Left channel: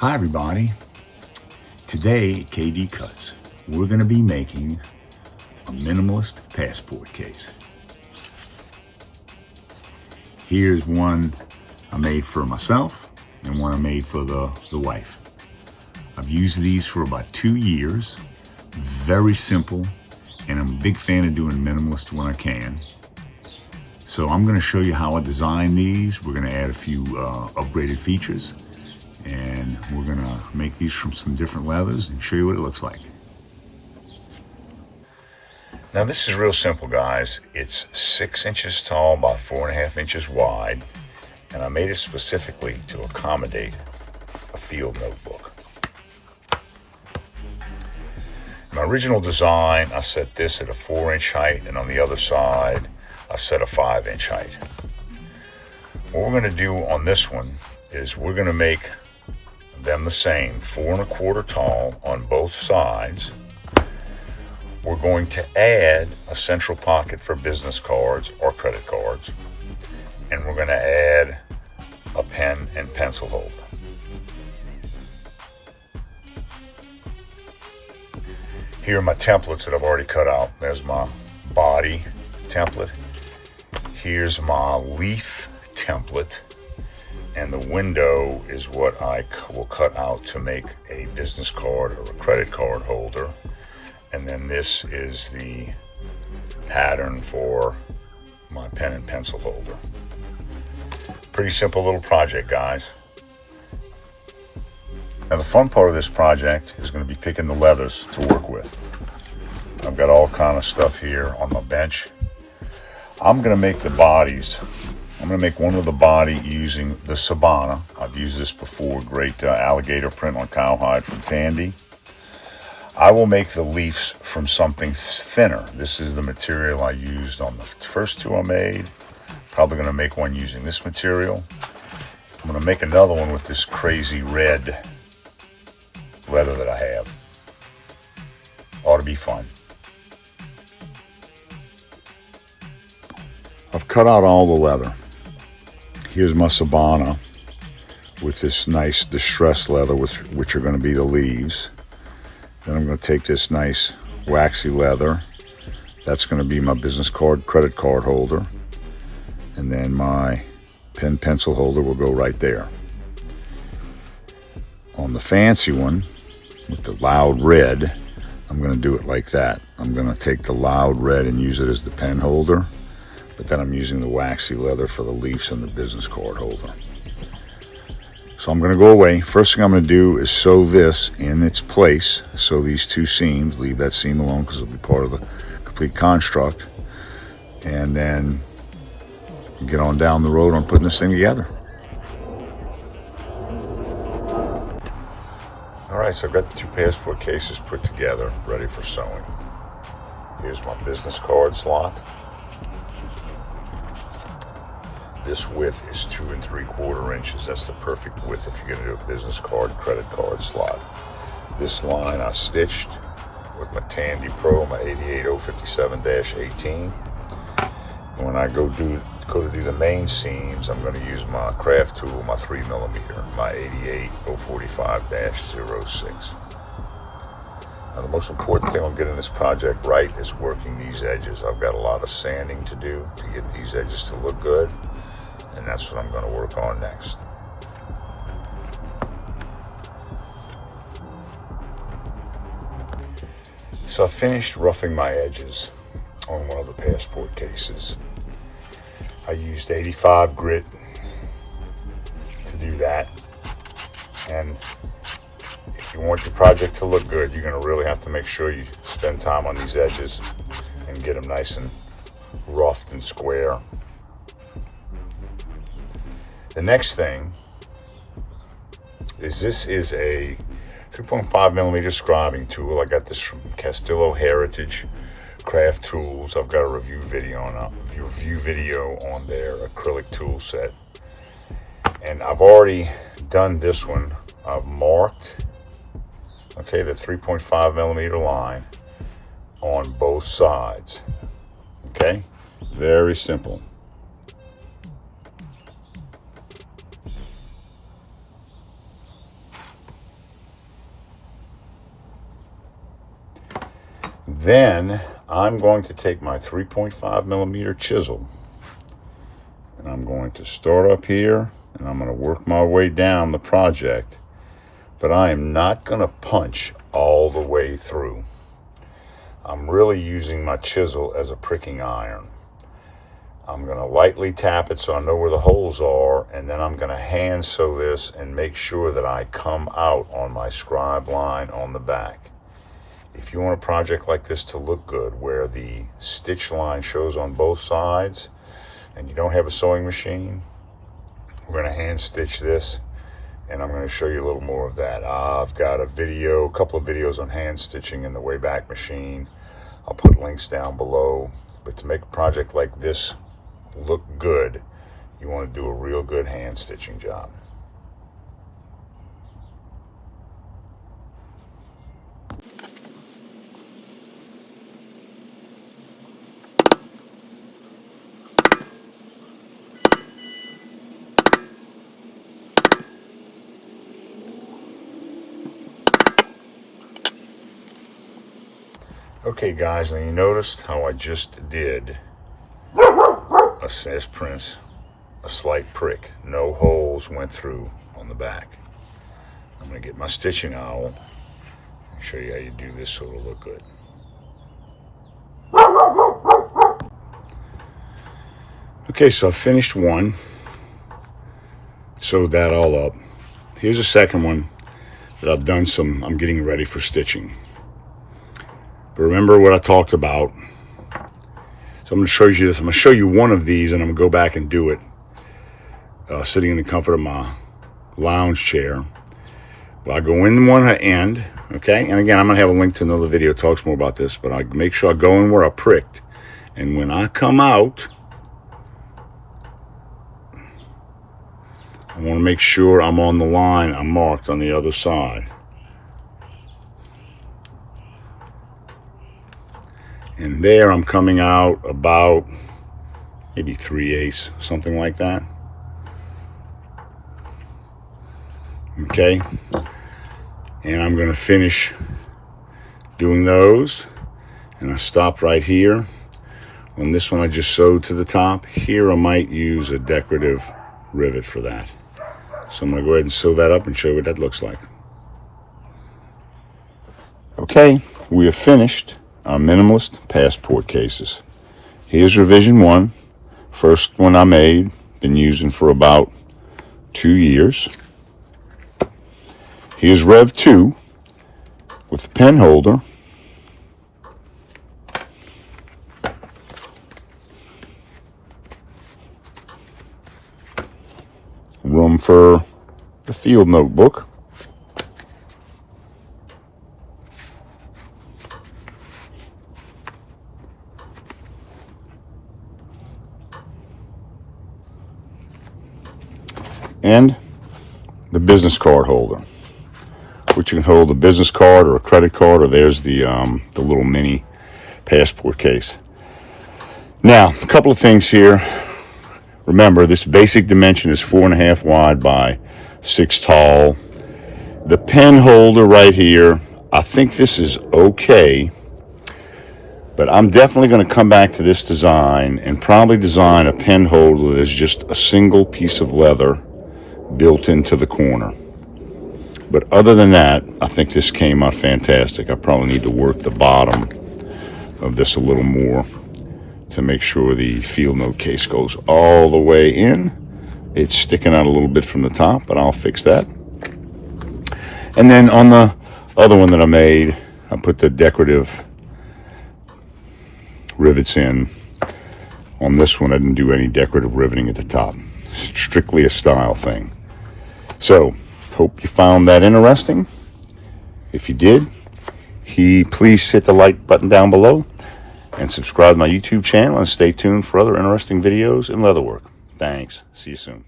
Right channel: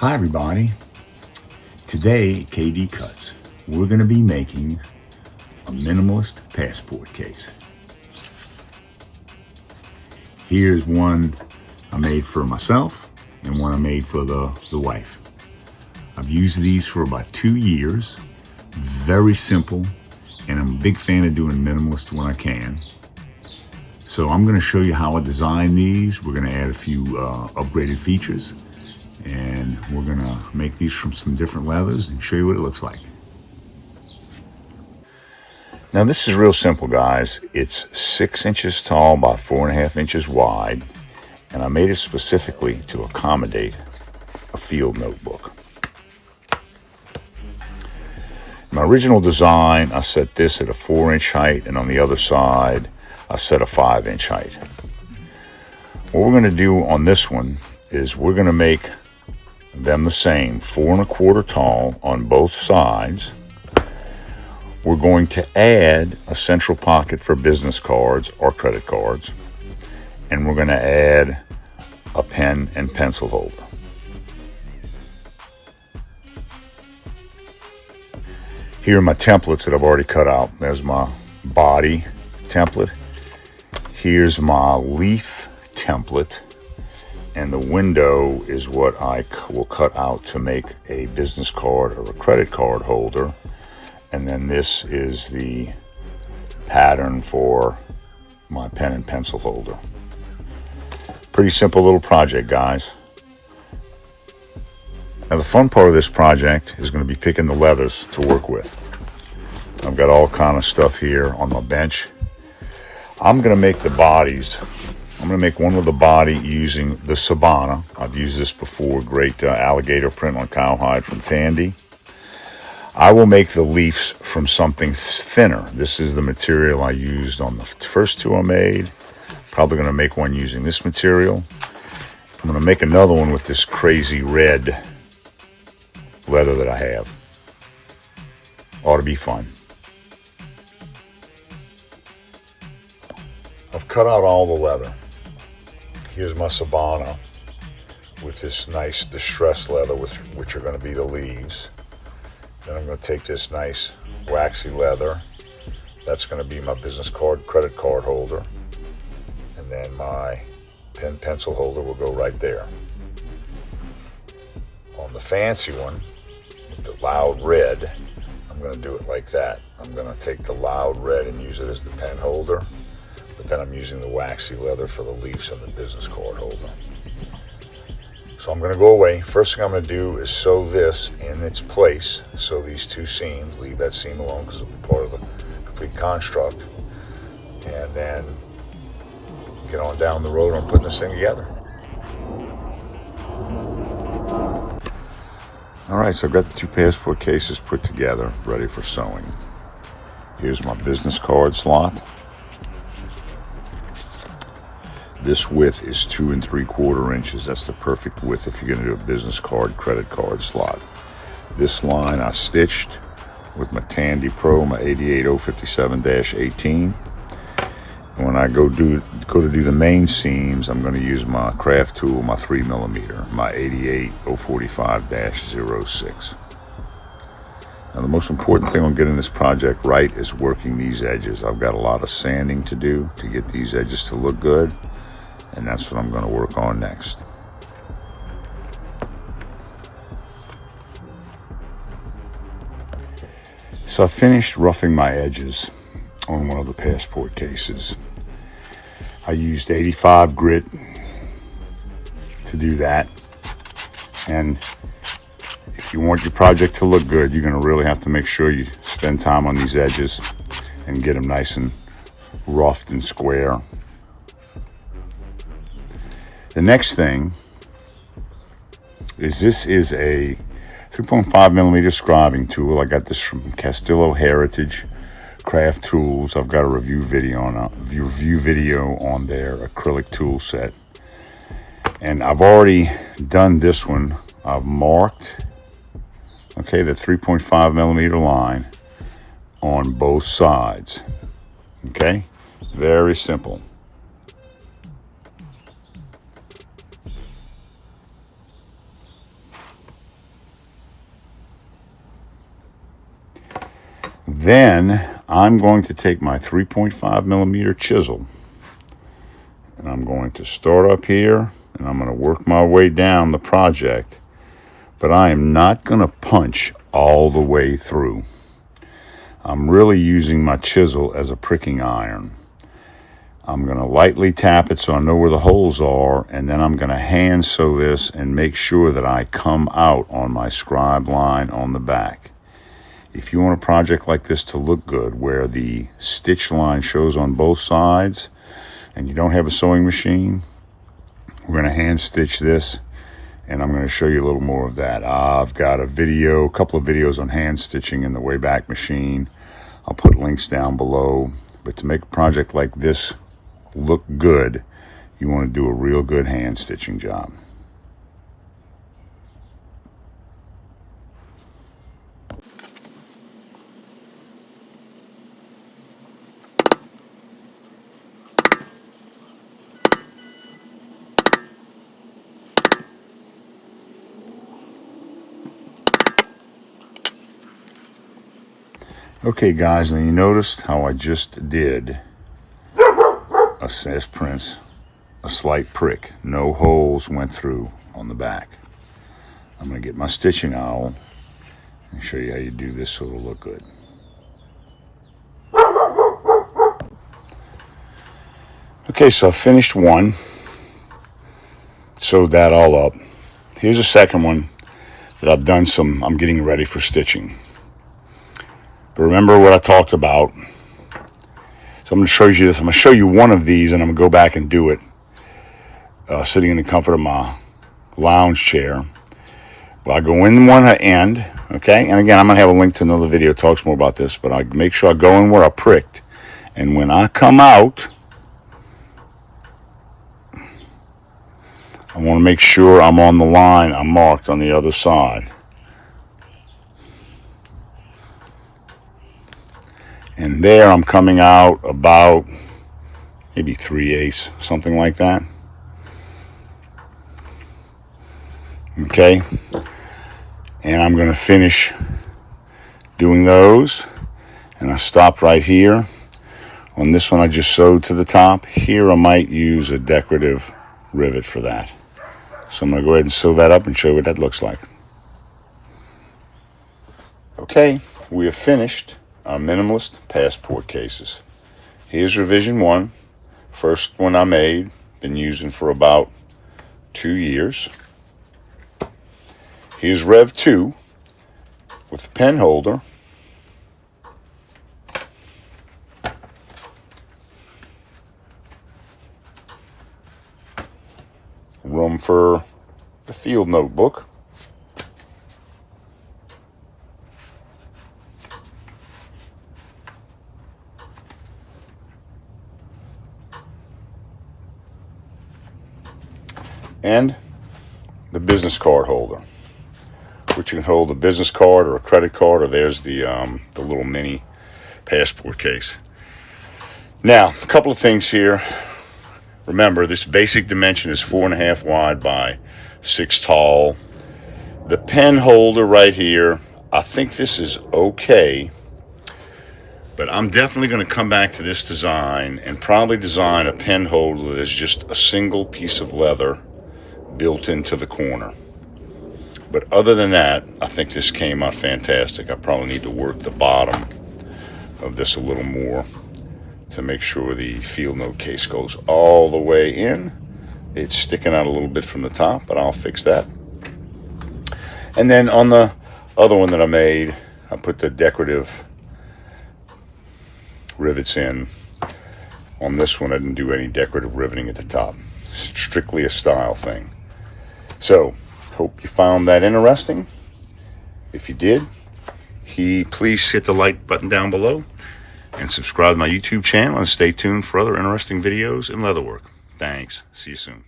Hi everybody. Today at KD Cuts, we're going to be making a minimalist passport case. Here's one I made for myself and one I made for the wife. I've used these for about 2 years. Very simple, and I'm a big fan of doing minimalist when I can. So I'm going to show you how I designed these. We're going to add a few upgraded features. And we're gonna make these from some different leathers and show you what it looks like. Now this is real simple, guys. It's 6 inches tall by 4.5 inches wide, and I made it specifically to accommodate a field notebook. My original design, I set this at a 4-inch height, and on the other side, I set a 5-inch height. What we're gonna do on this one is we're gonna make them the same, 4.25 tall on both sides. We're going to add a central pocket for business cards or credit cards, and we're going to add a pen and pencil holder. Here are my templates that I've already cut out. There's my body template. Here's my leaf template. And the window is what I will cut out to make a business card or a credit card holder. And then this is the pattern for my pen and pencil holder. Pretty simple little project, guys. Now the fun part of this project is going to be picking the leathers to work with. I've got all kind of stuff here on my bench. I'm going to make the bodies. I'm going to make one with the body using the Sabana. I've used this before, great alligator print on cowhide from Tandy. I will make the leaves from something thinner. This is the material I used on the first two I made. Probably going to make one using this material. I'm going to make another one with this crazy red leather that I have. Ought to be fun. I've cut out all the leather. Here's my Sabana with this nice distressed leather, which are going to be the leaves. Then I'm going to take this nice waxy leather. That's going to be my business card, credit card holder. And then my pen pencil holder will go right there. On the fancy one, with the loud red, I'm going to do it like that. I'm going to take the loud red and use it as the pen holder. But then I'm using the waxy leather for the leaves and the business card holder. So I'm going to go away. First thing I'm going to do is sew this in its place. Sew these two seams. Leave that seam alone because it'll be part of the complete construct. And then get on down the road on putting this thing together. All right, so I've got the two passport cases put together, ready for sewing. Here's my business card slot. This width is 2 3/4 inches. That's the perfect width if you're going to do a business card, credit card slot. This line I stitched with my Tandy Pro, my 88057-18. When I go to do the main seams, I'm going to use my craft tool, my 3mm, my 88045-06. Now, the most important thing on getting this project right is working these edges. I've got a lot of sanding to do to get these edges to look good. And that's what I'm going to work on next. So I finished roughing my edges on one of the passport cases. I used 85 grit to do that. And if you want your project to look good, you're going to really have to make sure you spend time on these edges and get them nice and roughed and square. The next thing is this is a 3.5mm scribing tool. I got this from Castillo Heritage Craft Tools. I've got a review video on their acrylic tool set. And I've already done this one. I've marked, okay, the 3.5mm line on both sides. Okay, very simple. Then I'm going to take my 3.5 millimeter chisel, and I'm going to start up here, and I'm going to work my way down the project, but I am not going to punch all the way through. I'm really using my chisel as a pricking iron. I'm going to lightly tap it so I know where the holes are, and then I'm going to hand sew this and make sure that I come out on my scribe line on the back. If you want a project like this to look good, where the stitch line shows on both sides and you don't have a sewing machine, we're going to hand stitch this, and I'm going to show you a little more of that. I've got a couple of videos on hand stitching in the Wayback Machine. I'll put links down below. But to make a project like this look good, you want to do a real good hand stitching job. Okay guys, now you noticed how I just did says Prince, a slight prick. No holes went through on the back. I'm going to get my stitching owl and show you how you do this so it'll look good. Okay, so I finished one, sewed that all up. Here's a second one that I'm getting ready for stitching. But remember what I talked about. So I'm going to show you this. I'm going to show you one of these, and I'm going to go back and do it sitting in the comfort of my lounge chair. But I go in one end, okay? And again, I'm going to have a link to another video that talks more about this, but I make sure I go in where I pricked. And when I come out, I want to make sure I'm on the line I'm marked on the other side. And there I'm coming out about maybe 3/8, something like that. Okay. And I'm going to finish doing those. And I stopped right here. On this one I just sewed to the top. Here I might use a decorative rivet for that. So I'm going to go ahead and sew that up and show you what that looks like. Okay, we have finished our Minimalist passport cases. Here's revision 1. First one I made, been using for about 2 years. Here's Rev 2 with the pen holder. Room for the field notebook. And the business card holder, which you can hold a business card or a credit card, or there's the little mini passport case. Now, a couple of things here. Remember, this basic dimension is 4.5 wide by 6 tall. The pen holder right here, I think this is okay, but I'm definitely going to come back to this design and probably design a pen holder that's just a single piece of leather built into the corner. But other than that, I think this came out fantastic. I probably need to work the bottom of this a little more to make sure the field note case goes all the way in. It's sticking out a little bit from the top, but I'll fix that. And then on the other one that I made, I put the decorative rivets in. On this one, I didn't do any decorative riveting at the top. Strictly a style thing. So, hope you found that interesting. If you did, please hit the like button down below and subscribe to my YouTube channel and stay tuned for other interesting videos in leatherwork. Thanks. See you soon.